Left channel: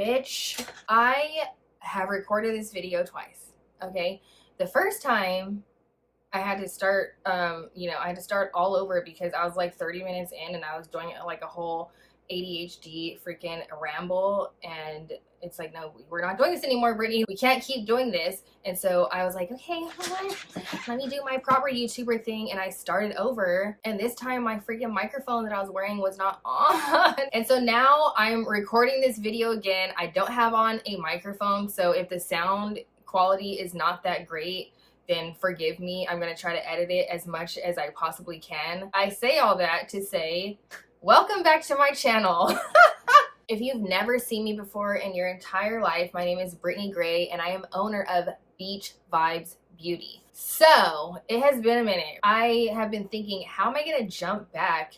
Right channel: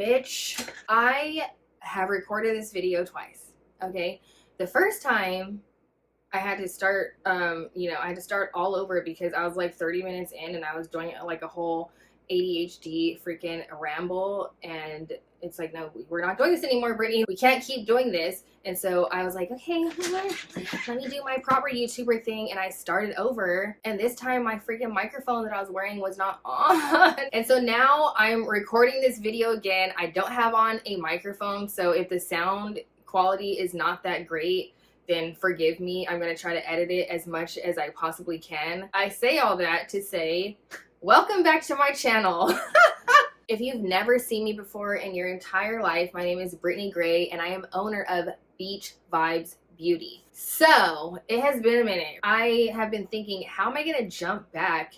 Bitch, I have recorded this video twice, okay? The first time I had to start, I had to start all over because I was like 30 minutes in and I was doing like a whole ADHD freaking ramble, and it's like, no, we're not doing this anymore, Brittney. We can't keep doing this. And so I was like, okay, let me do my proper YouTuber thing. And I started over. And this time my freaking microphone that I was wearing was not on. And so now I'm recording this video again. I don't have on a microphone. So if the sound quality is not that great, then forgive me. I'm going to try to edit it as much as I possibly can. I say all that to say, welcome back to my channel. If you've never seen me before in your entire life, my name is Brittney Gray and I am owner of Beach Vibes Beauty. So it has been a minute. I have been thinking, how am I going to jump back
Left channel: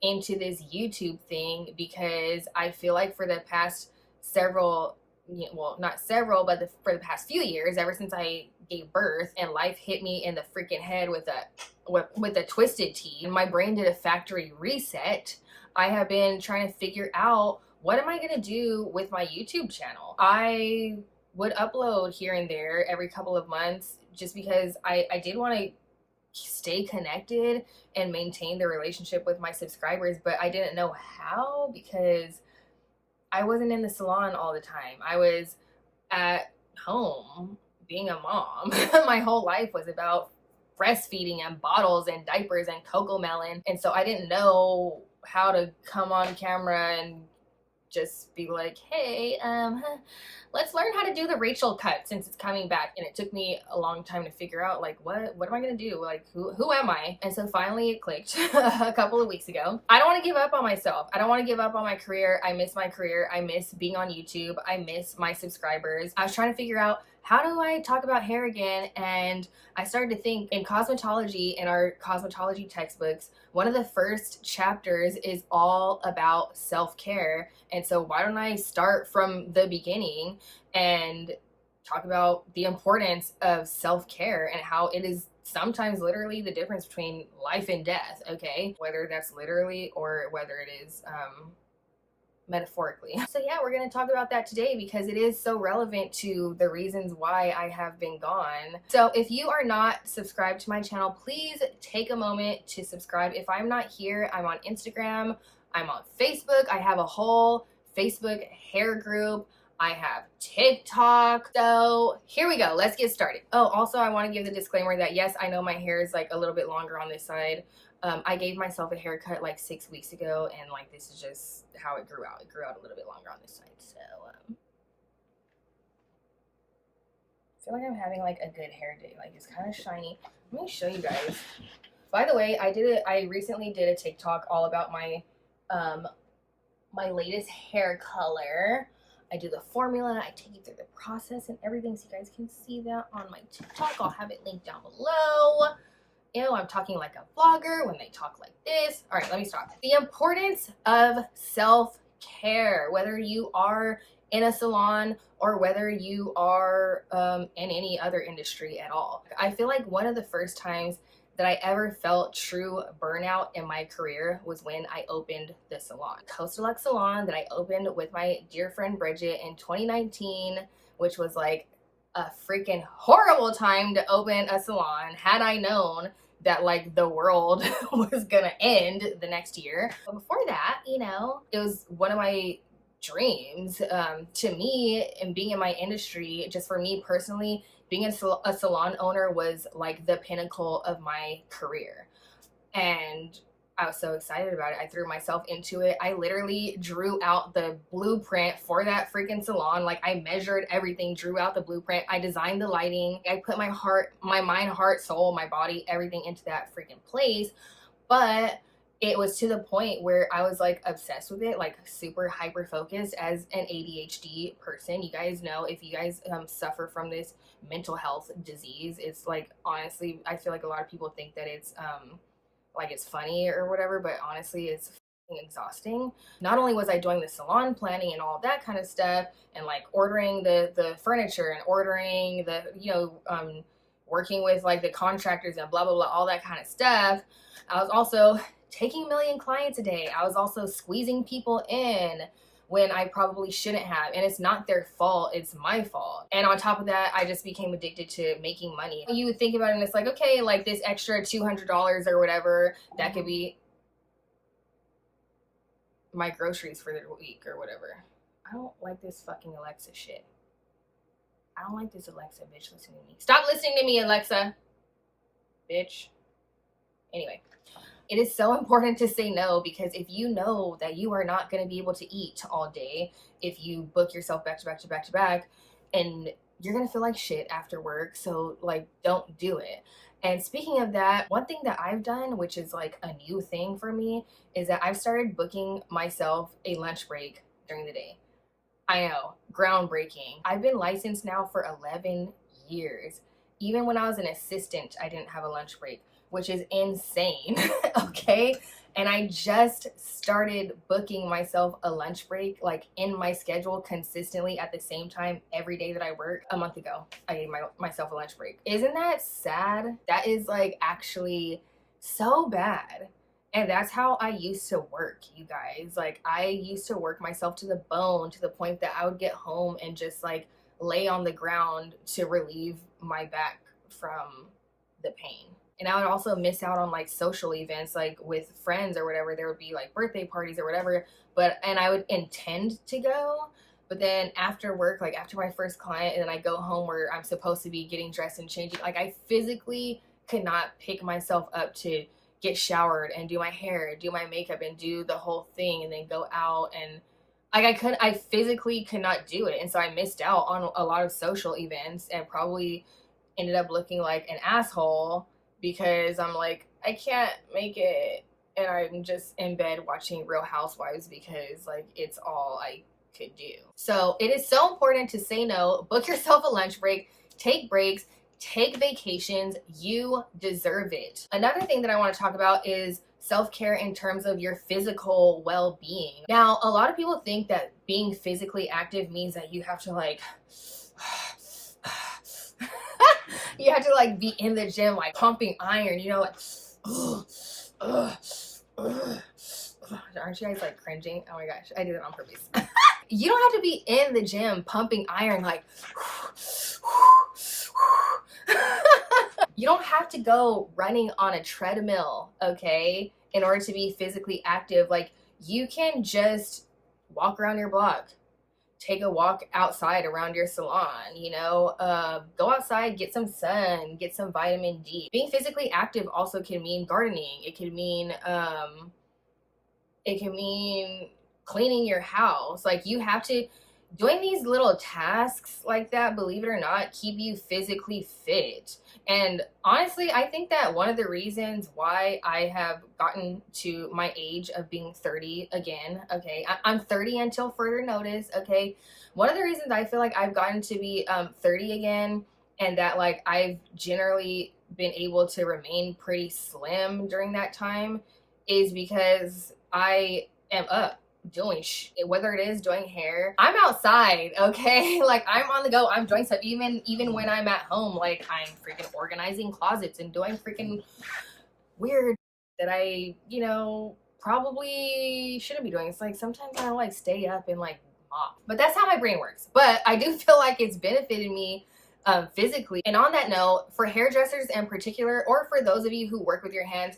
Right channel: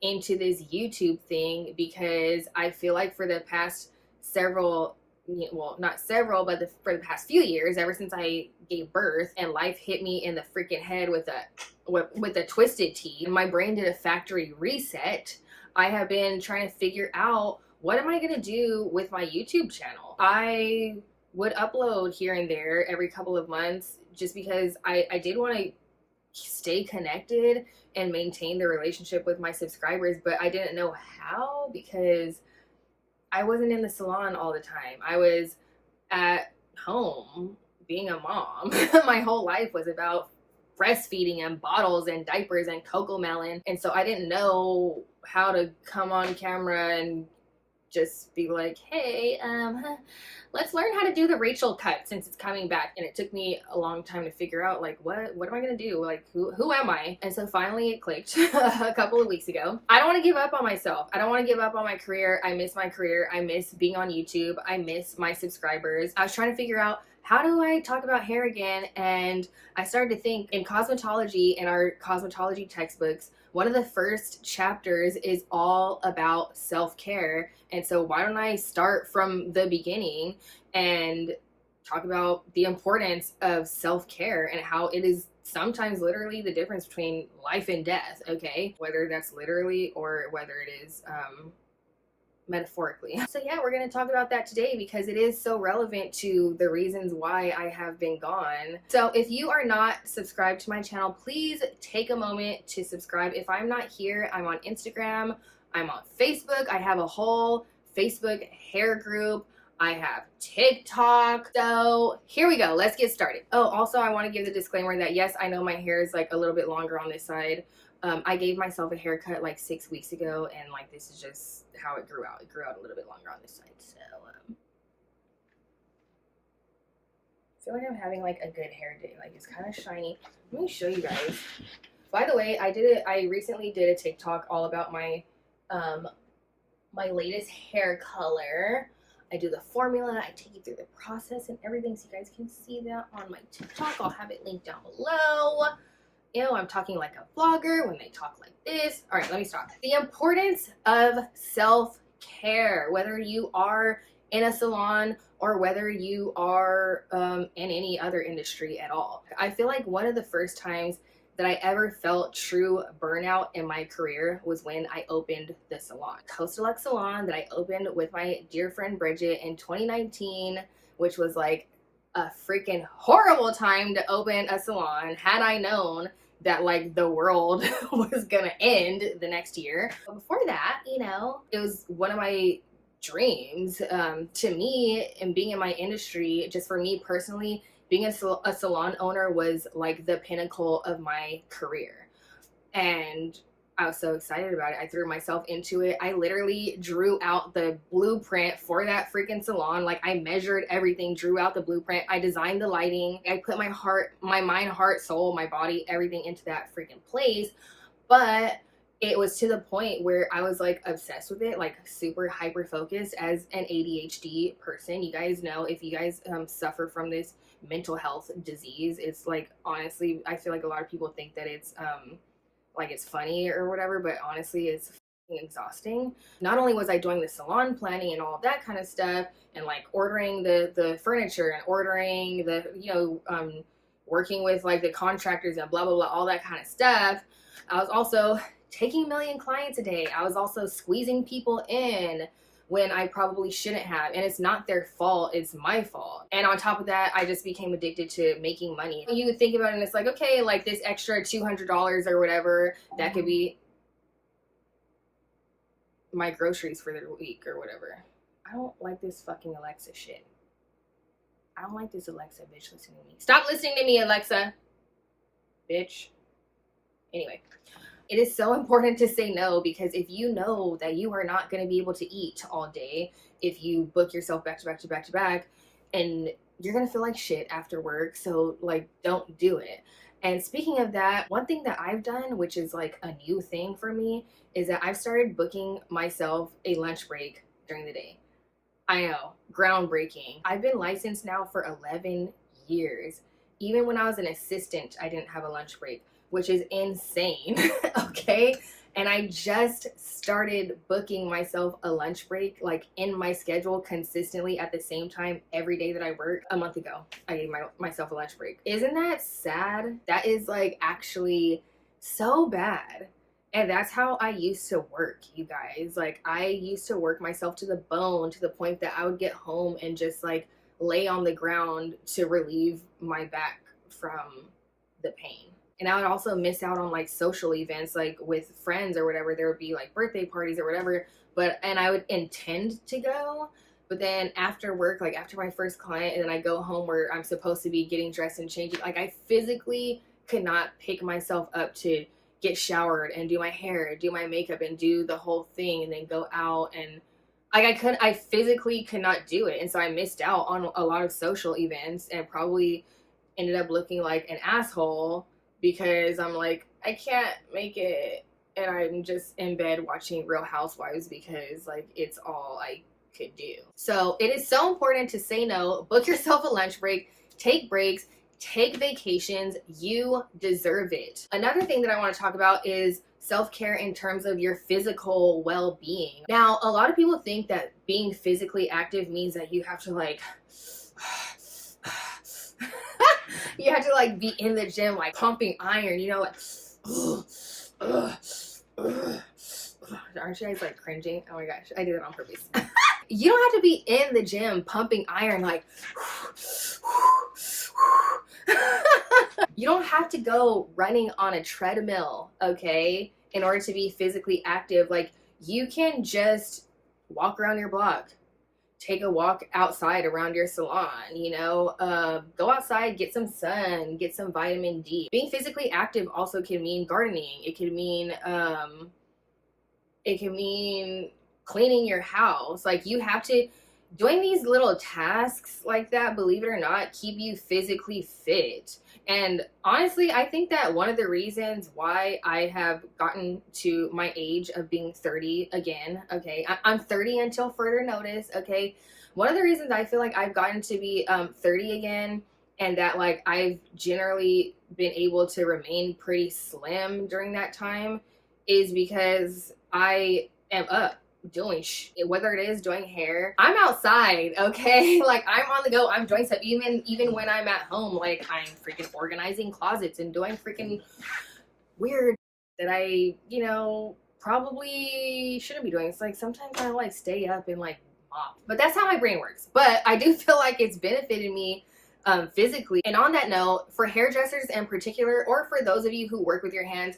into this YouTube thing? Because I feel like for the past several, well, not several, but for the past few years, ever since I gave birth and life hit me in the freaking head with a twisted T, and my brain did a factory reset, I have been trying to figure out, what am I going to do with my YouTube channel? I would upload here and there every couple of months just because I did want to stay connected and maintain the relationship with my subscribers, but I didn't know how because I wasn't in the salon all the time. I was at home being a mom. My whole life was about breastfeeding and bottles and diapers and cocoa melon. And so I didn't know how to come on camera and just be like, hey, let's learn how to do the Rachel cut since it's coming back. And it took me a long time to figure out, like, what am I gonna do? Like, who am I? And so finally it clicked a couple of weeks ago. I don't want to give up on myself. I don't want to give up on my career. I miss my career. I miss being on YouTube. I miss my subscribers. I was trying to figure out, how do I talk about hair again? And I started to think, in cosmetology, in our cosmetology textbooks, one of the first chapters is all about self-care. And so why don't I start from the beginning and talk about the importance of self-care and how it is sometimes literally the difference between life and death, okay? Whether that's literally or whether it is metaphorically. So yeah, we're going to talk about that today because it is so relevant to the reasons why I have been gone. So if you are not subscribed to my channel, please take a moment to subscribe. If I'm not here, I'm on Instagram, I'm on Facebook. I have a whole Facebook hair group. I have TikTok. So here we go. Let's get started. Oh, also I want to give the disclaimer that yes, I know my hair is like a little bit longer on this side. I gave myself a haircut like 6 weeks ago, and like this is just how it grew out. It grew out a little bit longer on this side. So I feel like I'm having like a good hair day. Like it's kind of shiny. Let me show you guys. By the way, I recently did a TikTok all about my my latest hair color. I do the formula, I take you through the process and everything so you guys can see that on my TikTok. I'll have it linked down below. Ew, I'm talking like a vlogger when they talk like this. All right, let me stop. The importance of self-care, whether you are in a salon or whether you are in any other industry at all. I feel like one of the first times that I ever felt true burnout in my career was when I opened the salon. Coast Deluxe Salon that I opened with my dear friend Bridget in 2019, which was like a freaking horrible time to open a salon had I known that like the world was gonna end the next year. But before that, you know, it was one of my dreams to me, and being in my industry, just for me personally, being a salon owner was like the pinnacle of my career. And I was so excited about it. I threw myself into it. I literally drew out the blueprint for that freaking salon. Like I measured everything, drew out the blueprint. I designed the lighting. I put my heart, my mind, heart, soul, my body, everything into that freaking place. But it was to the point where I was like obsessed with it, like super hyper focused as an ADHD person. You guys know, if you guys suffer from this mental health disease, it's like, honestly, I feel like a lot of people think that it's like it's funny or whatever, but honestly it's exhausting. Not only was I doing the salon planning and all of that kind of stuff, and like ordering the furniture and ordering the, you know, working with like the contractors and blah blah blah, all that kind of stuff, I was also taking 1 million clients a day. I was also squeezing people in, when I probably shouldn't have. And it's not their fault, it's my fault. And on top of that, I just became addicted to making money. You would think about it and it's like, okay, like this extra $200 or whatever, that could be my groceries for the week or whatever. I don't like this fucking Alexa shit. I don't like this Alexa bitch listening to me. Stop listening to me, Alexa. Bitch. Anyway. It is so important to say no, because if you know that you are not going to be able to eat all day, if you book yourself back to back to back to back, and you're going to feel like shit after work. So like, don't do it. And speaking of that, one thing that I've done, which is like a new thing for me, is that I've started booking myself a lunch break during the day. I know, groundbreaking. I've been licensed now for 11 years. Even when I was an assistant, I didn't have a lunch break, which is insane, okay? And I just started booking myself a lunch break, like in my schedule consistently at the same time every day that I work. A month ago, I gave myself a lunch break. Isn't that sad? That is like actually so bad. And that's how I used to work, you guys. Like I used to work myself to the bone, to the point that I would get home and just like lay on the ground to relieve my back from the pain. And I would also miss out on like social events, like with friends or whatever. There would be like birthday parties or whatever, and I would intend to go. But then after work, like after my first client, and then I go home where I'm supposed to be getting dressed and changing, like I physically could not pick myself up to get showered and do my hair, do my makeup and do the whole thing and then go out. And like I physically could not do it. And so I missed out on a lot of social events and probably ended up looking like an asshole, because I'm like, I can't make it, and I'm just in bed watching Real Housewives because like it's all I could do. So it is so important to say no, book yourself a lunch break, take breaks, take vacations. You deserve it. Another thing that I want to talk about is self-care in terms of your physical well-being. Now, a lot of people think that being physically active means that you have to like you have to like be in the gym, like pumping iron, you know, like, aren't you guys like cringing? Oh my gosh, I did it on purpose. You don't have to be in the gym pumping iron, like, you don't have to go running on a treadmill, okay, in order to be physically active. Like, you can just walk around your block, take a walk outside around your salon, you know, go outside, get some sun, get some vitamin D. Being physically active also can mean gardening. It can mean cleaning your house. Like, you have to, doing these little tasks like that, believe it or not, keep you physically fit. And honestly, I think that one of the reasons why I have gotten to my age of being 30 again, okay, I'm 30 until further notice, okay. One of the reasons I feel like I've gotten to be 30 again, and that like I've generally been able to remain pretty slim during that time, is because I am up doing whether it is doing hair, I'm outside, okay, like I'm on the go, I'm doing stuff. Even when I'm at home, like I'm freaking organizing closets and doing freaking weird that I, you know, probably shouldn't be doing. It's like sometimes I like stay up and like mop, but that's how my brain works. But I do feel like it's benefited me physically. And on that note, for hairdressers in particular, or for those of you who work with your hands,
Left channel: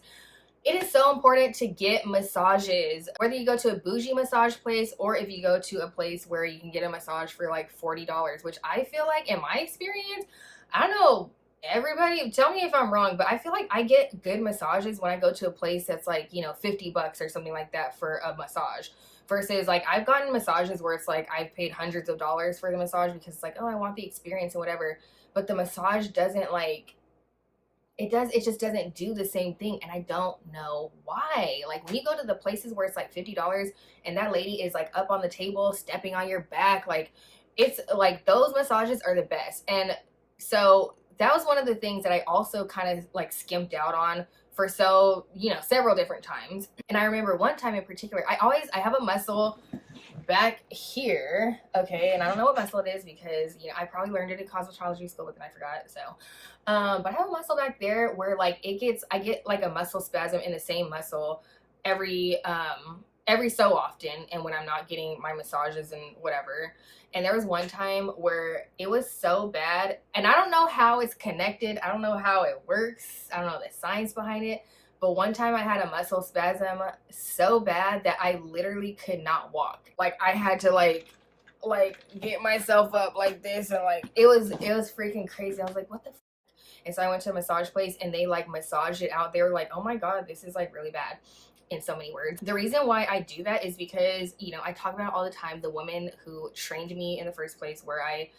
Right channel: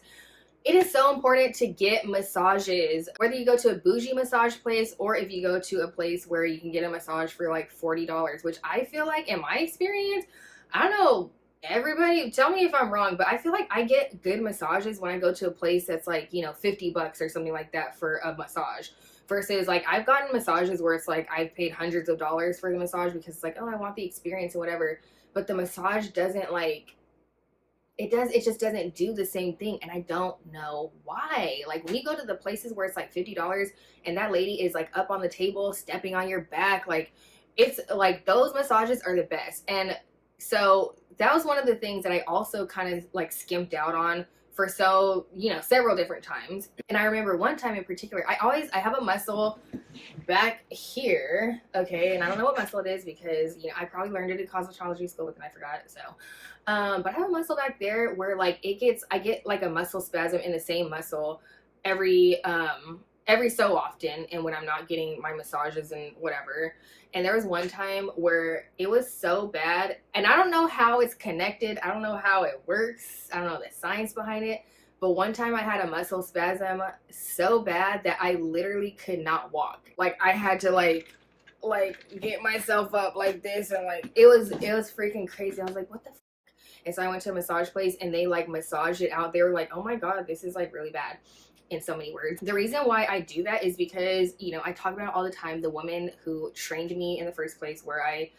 it is so important to get massages, whether you go to a bougie massage place or if you go to a place where you can get a massage for like $40, which I feel like, in my experience, I don't know, everybody tell me if I'm wrong, but I feel like I get good massages when I go to a place that's like, you know, $50 or something like that for a massage, versus like I've gotten massages where it's like I've paid hundreds of dollars for the massage because it's like, oh, I want the experience and whatever, but the massage doesn't like, it just doesn't do the same thing. And I don't know why. Like when you go to the places where it's like $50 and that lady is like up on the table stepping on your back, like it's like those massages are the best. And so that was one of the things that I also kind of like skimped out on for several different times. And I remember one time in particular, I have a muscle back here, okay, and I don't know what muscle it is because, you know, I probably learned it in cosmetology school, but then I forgot. So but I have a muscle back there where like I get like a muscle spasm in the same muscle every every so often, and when I'm not getting my massages and whatever. And there was one time where it was so bad, and I don't know how it's connected. I don't know how it works. I don't know the science behind it. But one time I had a muscle spasm so bad that I literally could not walk. Like I had to like get myself up like this, and like it was freaking crazy. I was like, what the f-? And so I went to a massage place and they like massaged it out. They were like, oh my God, this is like really bad, in so many words. The reason why I do that is because, you know, I talk about it all the time. The woman who trained me in the first place, where I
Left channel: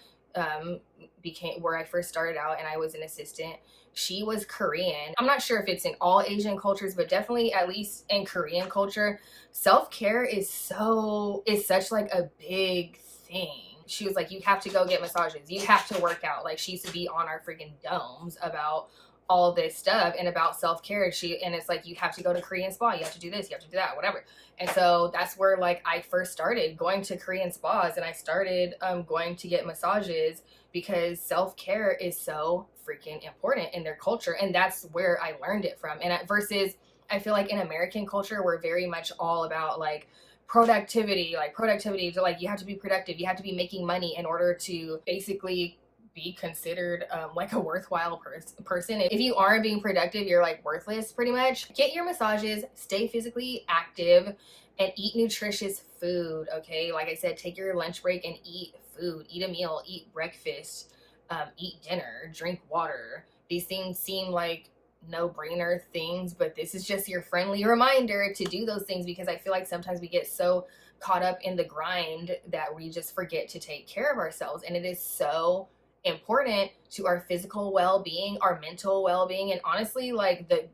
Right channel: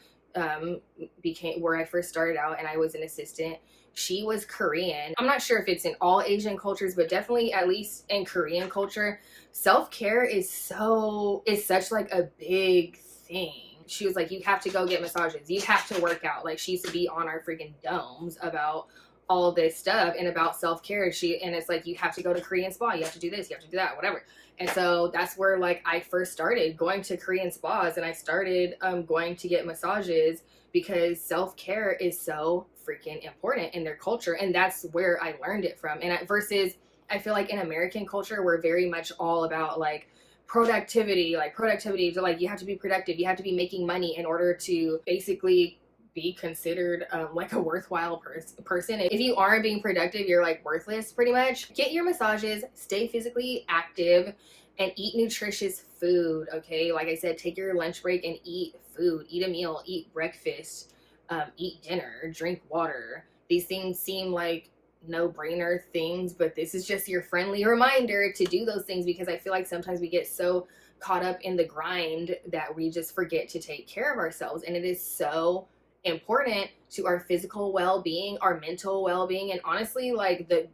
where I first started out and I was an assistant, she was Korean. I'm not sure if it's in all Asian cultures, but definitely at least in Korean culture, self-care is such like a big thing. She was like, you have to go get massages, you have to work out. Like she used to be on our freaking domes about all this stuff and about self-care. And it's like, you have to go to Korean spa, you have to do this, you have to do that, whatever. And so that's where like I first started going to Korean spas, and I started going to get massages because self-care is so freaking important in their culture, and that's where I learned it from. And versus I feel like in American culture, we're very much all about like productivity to like, you have to be productive, you have to be making money in order to basically be considered like a worthwhile person. If you aren't being productive, you're like worthless pretty much. Get your massages, stay physically active, and eat nutritious food. Okay, like I said, take your lunch break and eat food, eat a meal, eat breakfast, eat dinner, drink water. These things seem like no-brainer things, but this is just your friendly reminder to do those things, because I feel like sometimes we get so caught up in the grind that we just forget to take care of ourselves. And it is so important to our physical well-being, our mental well-being, and honestly like the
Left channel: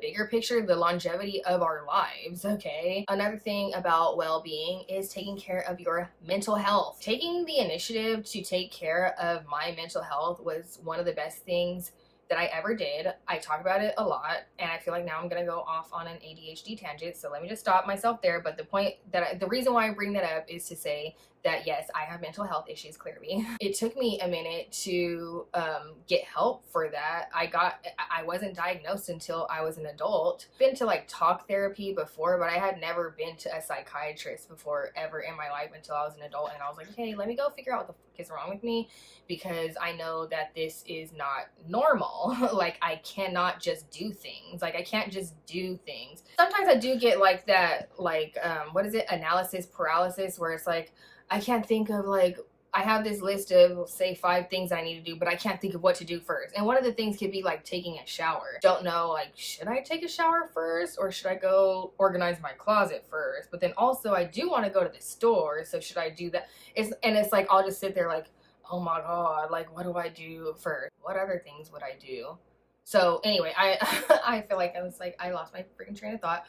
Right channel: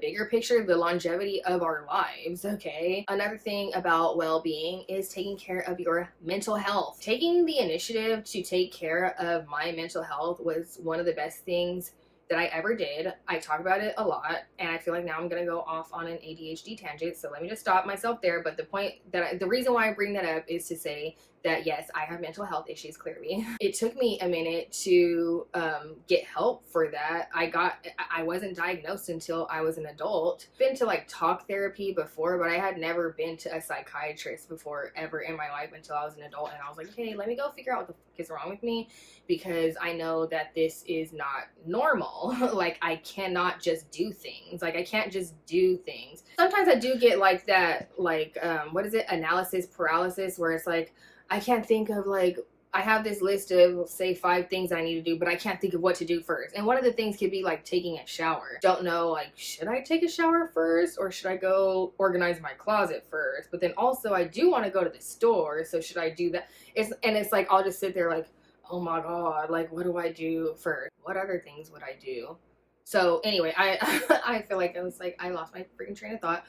bigger picture, the longevity of our lives. Okay, another thing about well-being is taking care of your mental health. Taking the initiative to take care of my mental health was one of the best things that I ever did. I talk about it a lot, and I feel like now I'm gonna go off on an ADHD tangent, so let me just stop myself there. But the reason why I bring that up is to say that yes, I have mental health issues, clearly. It took me a minute to get help for that. I wasn't diagnosed until I was an adult. Been to like talk therapy before, but I had never been to a psychiatrist before ever in my life until I was an adult. And I was like, okay, let me go figure out what the fuck is wrong with me, because I know that this is not normal. Like I cannot just do things. Like I can't just do things. Sometimes I do get like that, like what is it, analysis paralysis, where it's like I can't think of, like, I have this list of say 5 things I need to do, but I can't think of what to do first. And one of the things could be like taking a shower. Don't know, like, should I take a shower first, or should I go organize my closet first? But then also I do want to go to the store, so should I do that? It's like I'll just sit there like, oh my God, like what do I do first? What other things would I do? So anyway, I feel like I lost my freaking train of thought.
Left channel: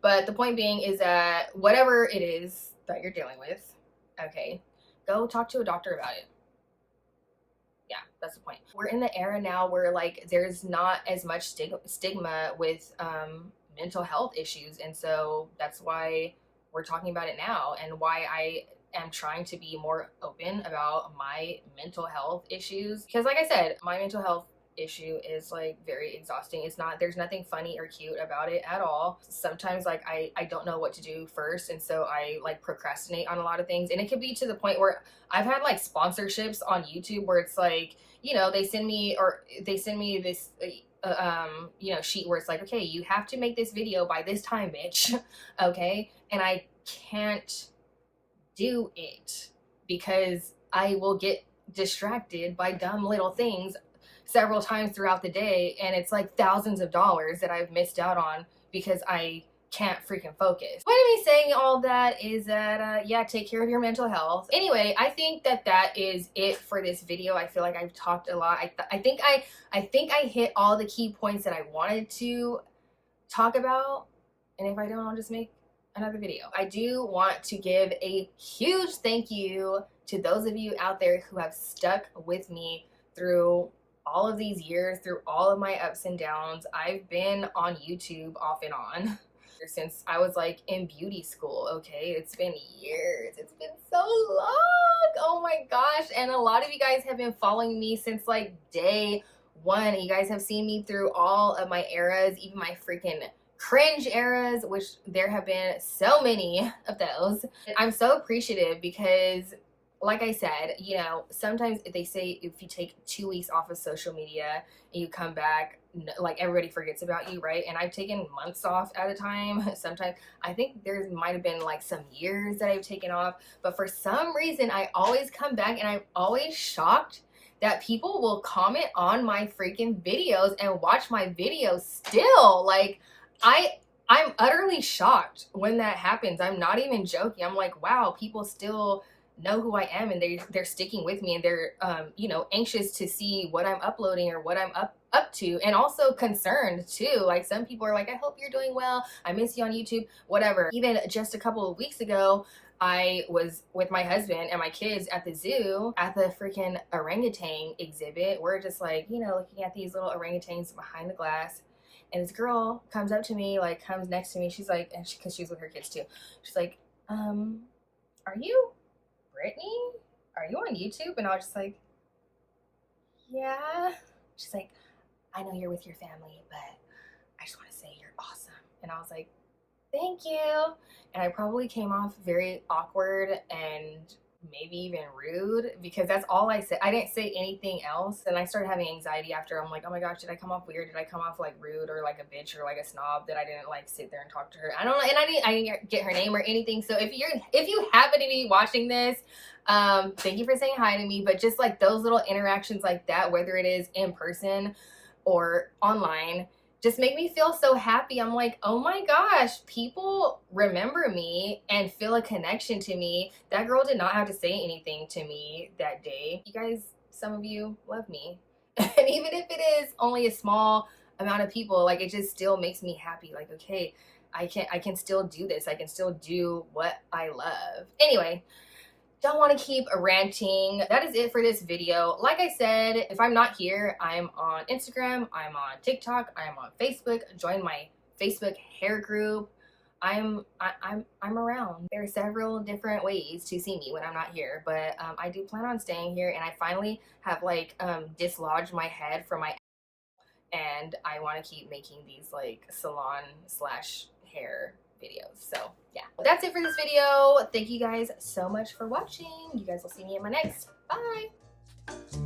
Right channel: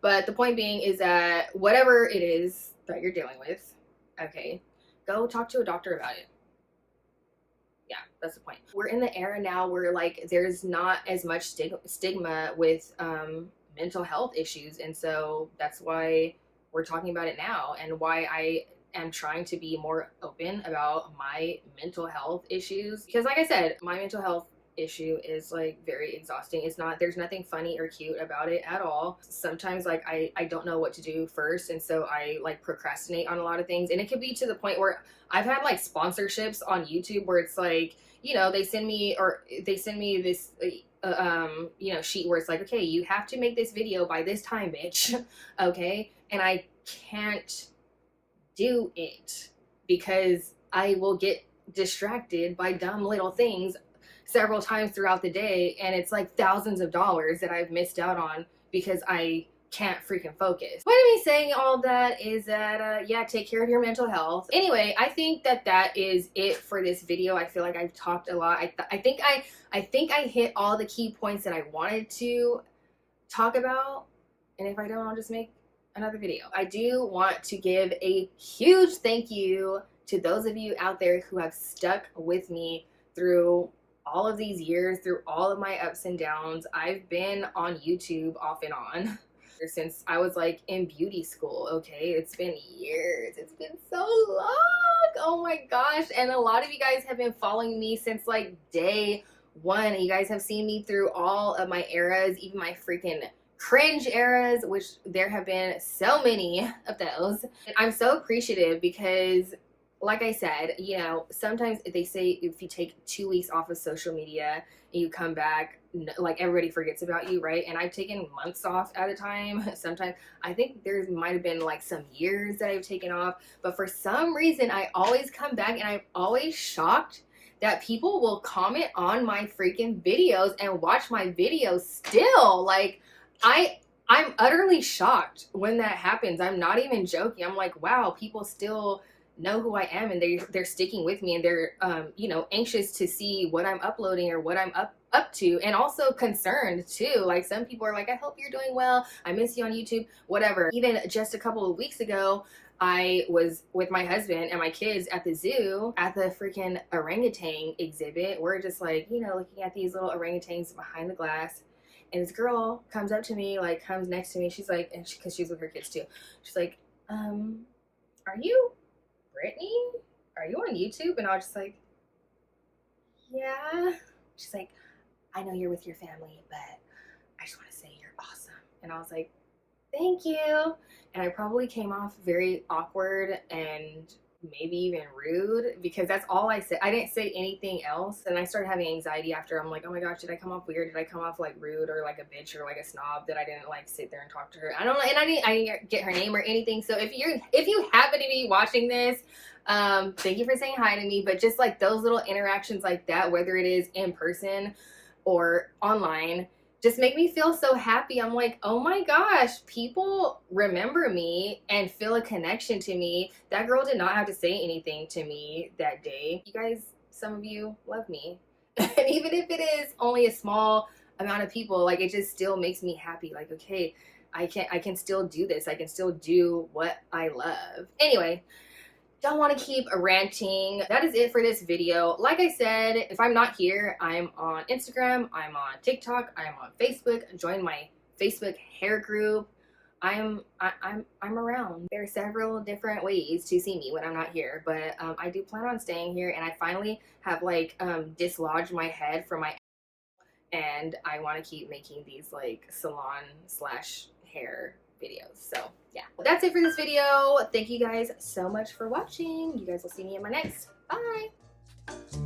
But the point being is that whatever it is that you're dealing with, okay, go talk to a doctor about it. Yeah, that's the point. We're in the era now where like there's not as much stigma with mental health issues, and so that's why we're talking about it now, and why I am trying to be more open about my mental health issues. Because like I said, my mental health issue is like very exhausting. There's nothing funny or cute about it at all. Sometimes like I don't know what to do first, and so I like procrastinate on a lot of things. And it could be to the point where I've had like sponsorships on YouTube where it's like, you know, they send me this you know, sheet where it's like, okay, you have to make this video by this time, bitch. Okay, and I can't do it because I will get distracted by dumb little things several times throughout the day, and it's like thousands of dollars that I've missed out on because I can't freaking focus. Point of me saying all that is that yeah, take care of your mental health. Anyway, I think that is it for this video. I feel like I've talked a lot. I think I hit all the key points that I wanted to talk about, and if I don't, I'll just make another video. I do want to give a huge thank you to those of you out there who have stuck with me through all of these years, through all of my ups and downs. I've been on YouTube off and on since I was like in beauty school. Okay, it's been years, it's been so long, oh my gosh. And a lot of you guys have been following me since like day one. You guys have seen me through all of my eras, even my freaking cringe eras, which there have been so many of those. I'm so appreciative because, like I said, you know, sometimes they say if you take 2 weeks off of social media and you come back, like everybody forgets about you, right? And I've taken months off at a time. Sometimes I think there might have been like some years that I've taken off, but for some reason I always come back, and I'm always shocked that people will comment on my freaking videos and watch my videos still. Like, I'm utterly shocked when that happens. I'm not even joking. I'm like, wow, people still know who I am, and they're sticking with me, and they're you know, anxious to see what I'm uploading or what I'm up to, and also concerned too. Like, some people are like, I hope you're doing well, I miss you on YouTube, whatever. Even just a couple of weeks ago, I was with my husband and my kids at the zoo at the freaking orangutan exhibit. We're just like, you know, looking at these little orangutans behind the glass. And this girl comes up to me, like comes next to me. She's like, and because she's with her kids too. She's like, are you Brittney? Are you on YouTube? And I was just like, yeah. She's like, I know you're with your family, but I just want to say you're awesome. And I was like, thank you. And I probably came off very awkward and maybe even rude, because that's all I said. I didn't say anything else. And I started having anxiety after. I'm like, oh my gosh, did I come off weird? Did I come off like rude or like a bitch or like a snob that I didn't like sit there and talk to her? I don't know. And I didn't get her name or anything. So if you happen to be watching this, thank you for saying hi to me. But just like those little interactions like that, whether it is in person or online, just make me feel so happy. I'm like, oh my gosh, people remember me and feel a connection to me. That girl did not have to say anything to me that day. You guys, some of you love me. And even if it is only a small amount of people, like, it just still makes me happy. Like, okay, I can still do this. I can still do what I love. Anyway, don't want to keep ranting. That is it for this video. Like I said, if I'm not here, I'm on Instagram, I'm on TikTok, I'm on Facebook. Join my Facebook hair group. I'm around. There are several different ways to see me when I'm not here, but I do plan on staying here, and I finally have like dislodged my head from my, and I want to keep making these like salon slash hair videos. So yeah, that's it for this video. Thank you guys so much for watching. You guys will see me in my next. Bye.